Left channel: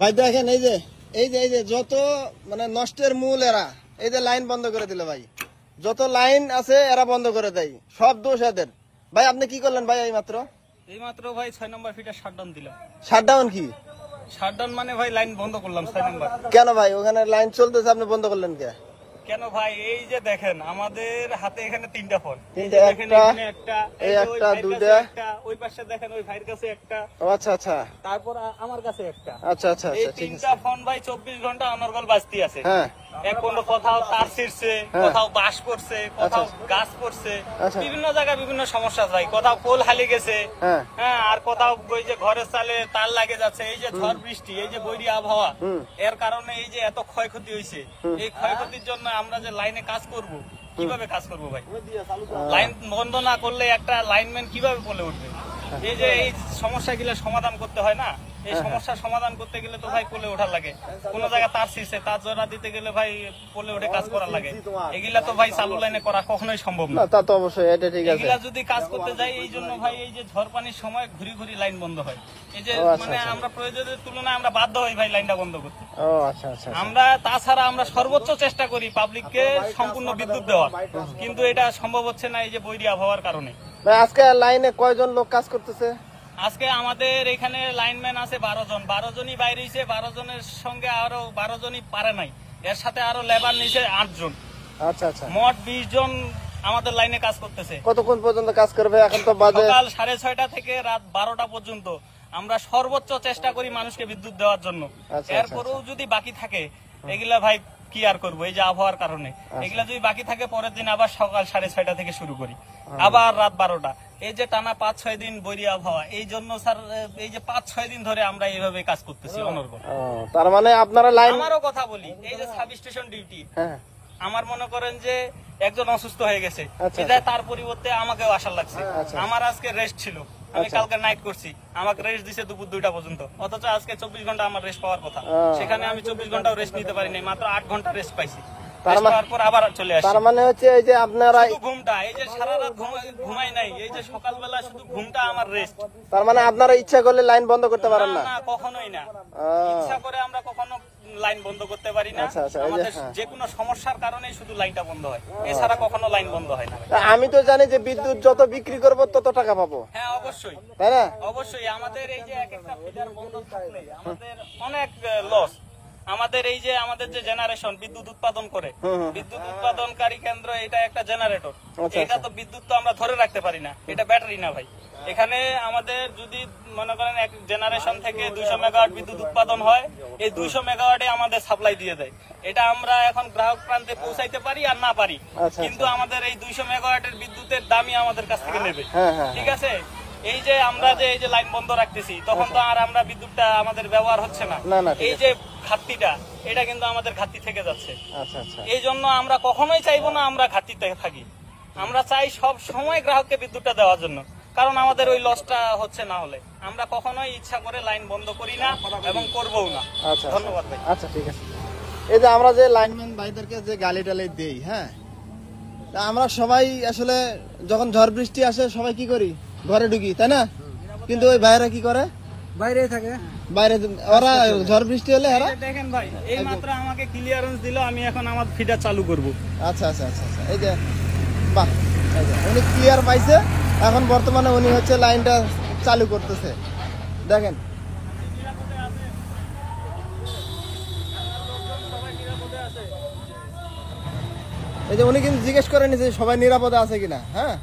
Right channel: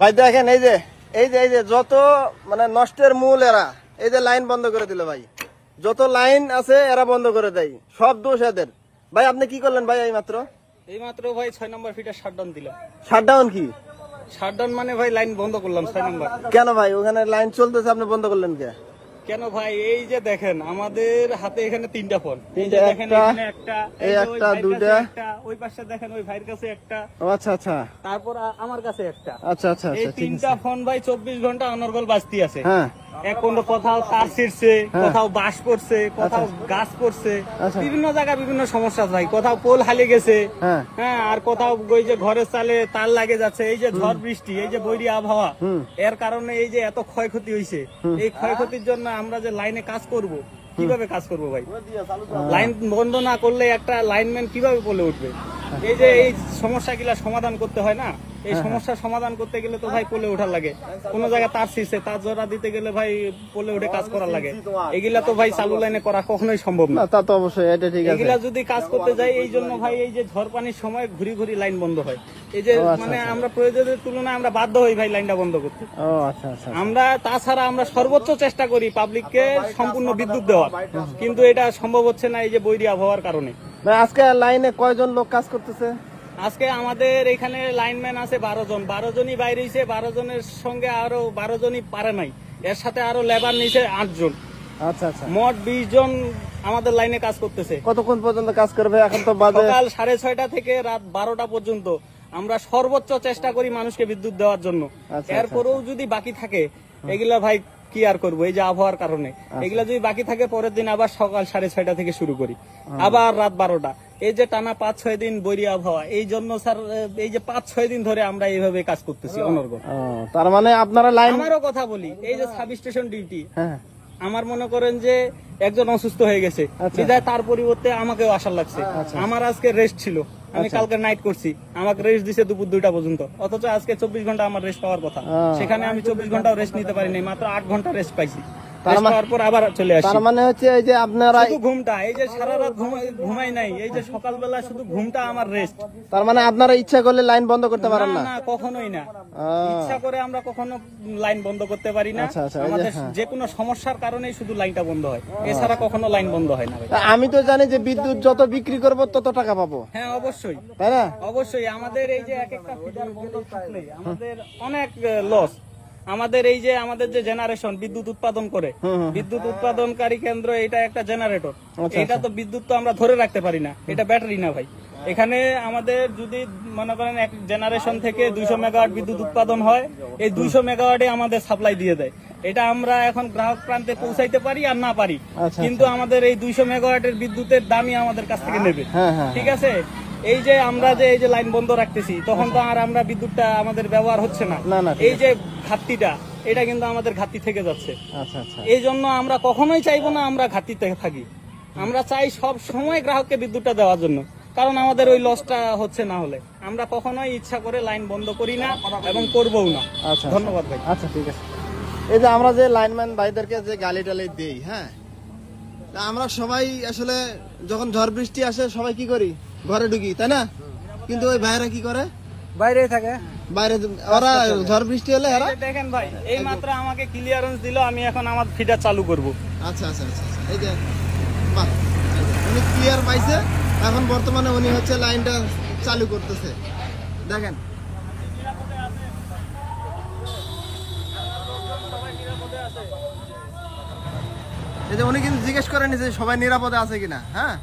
ভাই দেখেন এই যে যত মানে নষ্টের মূল এরা, এই যে লাইন বন্ধ করে দিল ভাই, যত লাইন আছে এরা বন্ধ করে দেয়, সব দোষ এদের। ভাই আপনি কি করলেন ভাই? এইমাত্র ভাই 6 নম্বর ফিটে শাটডাউন দিলাম। শাটডাউন কি? শাটডাউন মানে ভাই লাইন বন্ধ করলাম 6 নম্বর। কেন ভাই? ওখানে লাইন চলতেছে, আপনি বন্ধ করলেন কেন ভাই? এই যে দেখেন আমাদের হাতে এখানে 3টা ফোন, এই যে দেখেন এখানে একটা, এই একটা, দুইটা, ওই পাশে দেখেন ওই ভাইয়ের কাছে একটা, আচ্ছা আচ্ছা, তারপর আমার কাছে একটা, আচ্ছা আচ্ছা, এই 3টা ফোন ভাই 24 ঘন্টা অনর্গল বাজতি আছে। হ্যাঁ, এখন কোথাও তার ছিঁড়ছে, কোথাও বাঁশ পড়ছে, কোথাও গাছ পড়ছে, বিভিন্ন জায়গায় বিভিন্ন সমস্যা ভাই, কোথাও পোল হালে গেছে, হ্যাঁ, আর কোথাও ওই যে ঘরের চালে তার লাগে যাচ্ছে। এই যে ঝড় বৃষ্টি, এই যে বৈরী আবহাওয়া, এর কারণে এই যে এত ক্ষয়ক্ষতি হয়েছে। এই ক্ষয়ক্ষতির জন্য আমরা যে লাইনে কাজ করব, কিভাবে কাজ করব ভাই? লাইন বন্ধ না করলে একটা লাইনম্যান কিভাবে বলে উঠবে? এই যে এই সমস্যাগুলা সমাধান করতে হয় না, এই সমস্যার সমাধান করতে গেলে তো ভাই পোলে উঠার লাগে। কোন জায়গায় তার ছিঁড়ছে, তার জোড়া দিতে গেলে ভাই পোলে উঠে কাজ করা লাগে। এগুলা তো ভাই চালু লাইনে করা কখনোই সম্ভব না। এগুলা যদি কাজ করতে যাই, এই জন্য ভাই এই যে ঝড় পানির সময় ঘুরি ঘুরি লাইন বন্ধ হয়। এই যে মানে আমরা প্রয়োজনের তুলনায় আমরা বাধ্য হই ভাই লাইনটা বন্ধ করতে। আমরা তাছাড়া আমরা সর্বোচ্চ চেষ্টা করি পাবলিককে সম্পূর্ণ বিদ্যুৎ দেওয়ার, কিন্তু এটা সম্ভব হচ্ছে না এই যে বৈরী আবহাওয়ার কারণে। আজকে লাইনে কয়জন লোক কাজ করতেছে? আজকে আমাদের এখানে লাইনম্যান আছে 12 জন, 12 জনই বাইরে হয়েছে, 12 জনের সঙ্গে আরো 12 জনই পারে নাই, এর সাথে আরো লেবার নিচে 8 জন, মোট 20 জন আমাদের লাইনে কাজ করতেছে। কতক্ষণ পর্যন্ত কাজ করবে? সকাল 6:30 থেকে রাত 12টা পর্যন্ত আমরা সর্বোচ্চ চেষ্টা করি মানুষকে বিদ্যুৎ দেওয়ার জন্য। এরপরেও যদি বাকি থাকে, এগুলা ভাই কি আর করবো, এই যে আবহাওয়ার কারণে এগুলা যদি বাকি থাকে, পরের দিন আবার সকাল 6:30 থেকে শুরু করি, আবার রাত 12টা। এই যে টানা 5-6 দিন বৈরী আবহাওয়া, এই জন্য স্যার এই যে 5-6 দিন ধরে আমরা এইভাবে কাজ করতেছি অনর্গল। আমারও কথা বলি, এই যে সাব স্টেশন ডিউটি, আমার মনে করেন যে একজন অসুস্থ হয়ে গেছে বিধায় তার পরিবর্তে আমাকেও আসার লাগছে। আমার আজকে রেস্ট ছিল, আমি কালকে নাইট করছি, আমাকে রেস্ট দিছে দুপুর 2টা পর্যন্ত, অথচ আজকে 24 ঘন্টা আমার রেস্ট পাওয়ার কথা, সেখানে আমি 24 ঘন্টাও রেস্ট নিতে পারিনি, মাত্র 8 ঘন্টা রেস্ট পাইছি। রেস্ট পাওয়ার পর আবার চলে আসছি। শুধু ঘুমটা, এই যে সারা রাত ঘুমাই নাই, এই যে সকালবেলা শুধু ঘুমটা আমার রেস্ট। মানে আপনারা ইচ্ছা করলে লাইন বন্ধ করতে পারেন না? না, কখনোই না। ইচ্ছা করে আমরা কখনো লাইন বন্ধ করতে পারি না। আমাদের যে কোনো সমস্যার কারণে শুধু লাইনটা বন্ধ হয়, এছাড়া কখনো লাইন বন্ধ হয় না ভাই। আমি তো জানি যে বিদ্যুৎ যত বিক্রি করবো তত টাকা পাবো। হ্যাঁ, অবশ্যই অবশ্যই। আমাদের এই যে এক একটা ফিডার বন্ধ থাকলে আমাদের অনেক লস। আমাদের এই যে আমাদের যে জেনারেশন বিদ্যুৎ উৎপাদন করে, বিদ্যুৎ উৎপাদনকারী কেন্দ্র, এটা একটা জেনারেটর, এটা তো বিদ্যুৎ তো আমরা ধরে রাখতে পারি না, এটা ব্যাটারি না ভাই। এখানে আমাদের যদি মনে করেন এক জেনারেশন থেকে 200 মেগাওয়াট বিদ্যুৎ উৎপাদন হয়, এই 200 মেগাওয়াটে আমাদের সাপ্লাই দিয়ে দেয়। এটা আমরা এখন গ্রাহক প্রান্তে পৌঁছাইতে পারি আর না পারি, কিন্তু আমাদের এই 200 মেগাওয়াটের বিদ্যুতের দামই আমাদের কাছ থেকে নেবে। ঠিক আছে, এই যে আমরা যে এই যে লাইন বন্ধ রাখতেছি, তখন তো আর আমরা বিদ্যুৎটা আমাদের ব্যবহার হচ্ছে না। এই যে ঘাটতিটা, এটা কিন্তু আমাদের ঘাটতি থেকে যাচ্ছে। এই জন্য আমরা কখনোই চাইবো না আমরা ঘাটতিতে থাকি, আমরা চাই সব সময় গ্রাহককে বিদ্যুৎটা দেওয়ার জন্য, কারণ আমাদের ওই লসটা হচ্ছে না হলে আমরা কখনোই ইচ্ছা করে লাইন বন্ধ করি না এবং করবও না। ধন্যবাদ ভাই। আমরা যে লাইনম্যান ভাইদেরকে যে গালি টালি দিই, হ্যাঁ, তা আমরা সবাই আসলে যখন ঝড় বৃষ্টি আসে সবাই কি করি, ঘরে ঢুকি, তাই না? কিন্তু ওই ভাইরা কি করে, বাইরেই থাকে, বাইরে। ওরা ঝড় বৃষ্টি হলে দেখেন ভাই, এই মাত্র আমাকে ক্লিয়ারেন্স দিল, আমি এখন আমার ফিডার চালু করব। আচ্ছা আচ্ছা আচ্ছা, এই যে বাহ, উনি ক্লিয়ার পাইছে, এখন বর্তমানে উনি হচ্ছে লাইনটা চালু করতেছে। দেখেন এই যে উনি কিন্তু জিজ্ঞেস করেন যে সবাই নিরাপদে আছে কিনা। হ্যাঁ,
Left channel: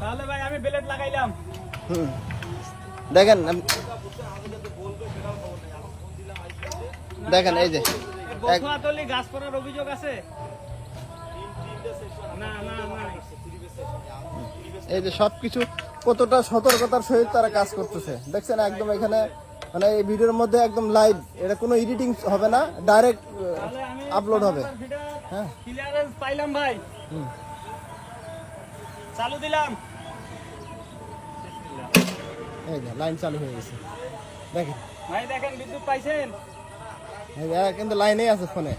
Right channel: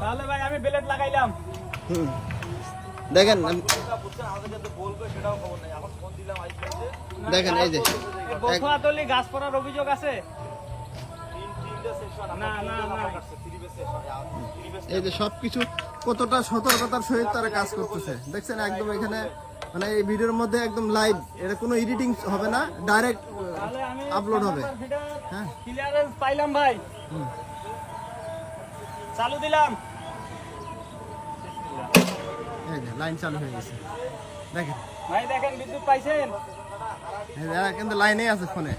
তাহলে ভাই আমি বেলেট লাগাইলাম। দেখেন দেখেন, এই যে গাছ পড়ার অভিযোগ আছে। না না না, এই যে সবকিছু কতটা সতর্কতার সহিত তারা কাজ করতেছে, দেখছেন একদম। এখানে মানে এই ভিডিওর মধ্যে একদম লাইভ, এটা কোনো এডিটিং হবে না, ডাইরেক্ট আপলোড হবে। হ্যাঁ, ক্লিয়ারেন্স পাইলাম ভাই, চালু দিলাম। এই যে লাইন চালু হয়ে গেছে, দেখেন ভাই, দেখেন বিদ্যুৎ পাইছেন, কিন্তু লাইনেই আছে ফোনে।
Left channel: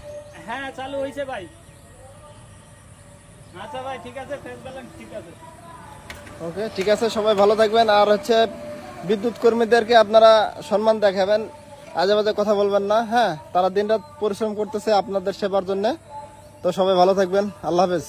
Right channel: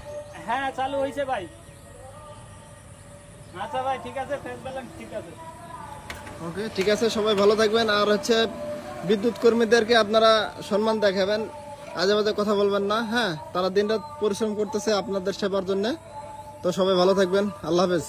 হ্যাঁ, চালু হয়েছে ভাই। আচ্ছা ভাই, ঠিক আছে, ফেস ব্যালেন্স ঠিক আছে। ওকে, ঠিক আছে, সবাই ভালো থাকবেন। আর হচ্ছে বিদ্যুৎ কর্মীদেরকে আপনারা সম্মান দেখাবেন, আজে বাজে কথা বলবেন না। হ্যাঁ, তারা দিনরাত পরিশ্রম করতেছে আপনাদের সেবার জন্য। তো সবাই ভালো থাকবেন, আল্লাহ হাফেজ।